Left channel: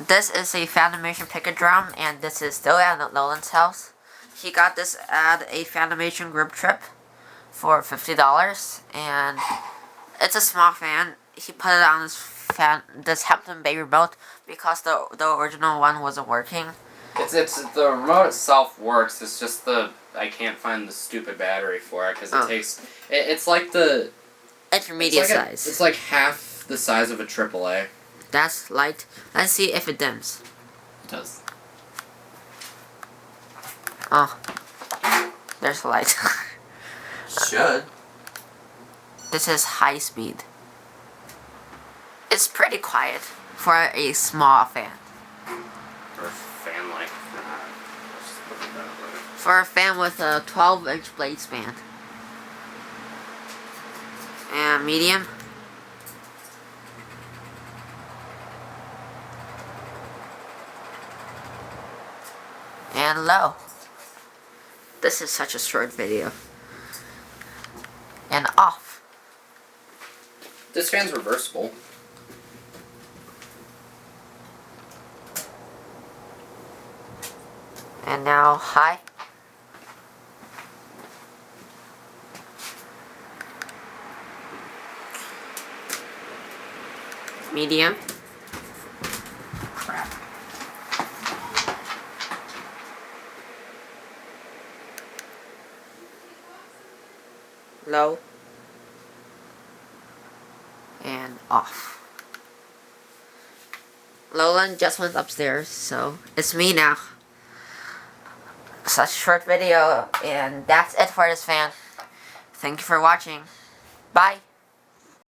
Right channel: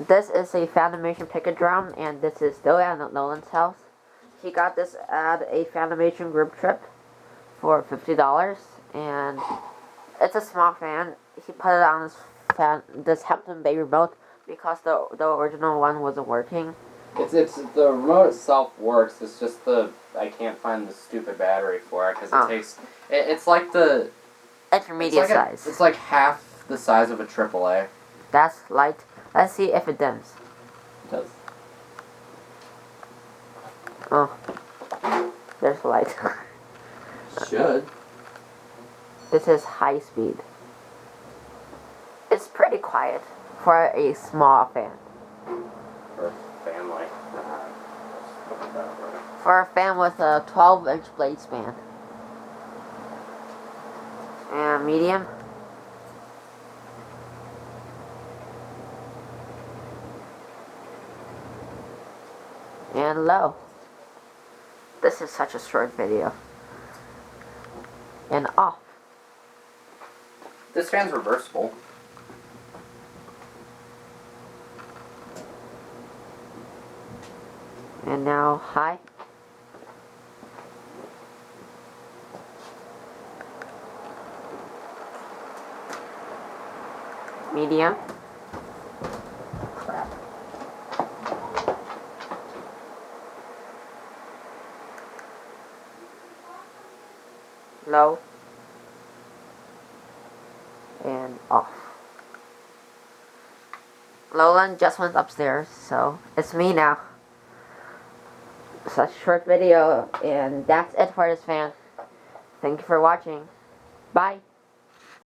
This is a Fanimation Pickett drum, and this is still at Nolan's house. He got this at a Fanimation Group Trip for $50, and it's a small fan. He put it on this Hampton Bay remote because the original one wasn't working. It's the remote itself works. It's just I can't find the stupid battery for it because it takes. It's like the intermediate size. It's like half the size of a AAA. That's light. Let's see if it dims. It does. Oh, there's light. Should. This is high speed. It's pretty quiet for a small fan. For a fan like that. For a fan with a 12-inch blade span. And medium. And low. This is such a short video. And off. This fan's reversible. And now high. Medium. Crap. Low. And off. Nolan just went upstairs, so it's me now. Such a short video, and that's it for this fan. Thank you for watching. Bye.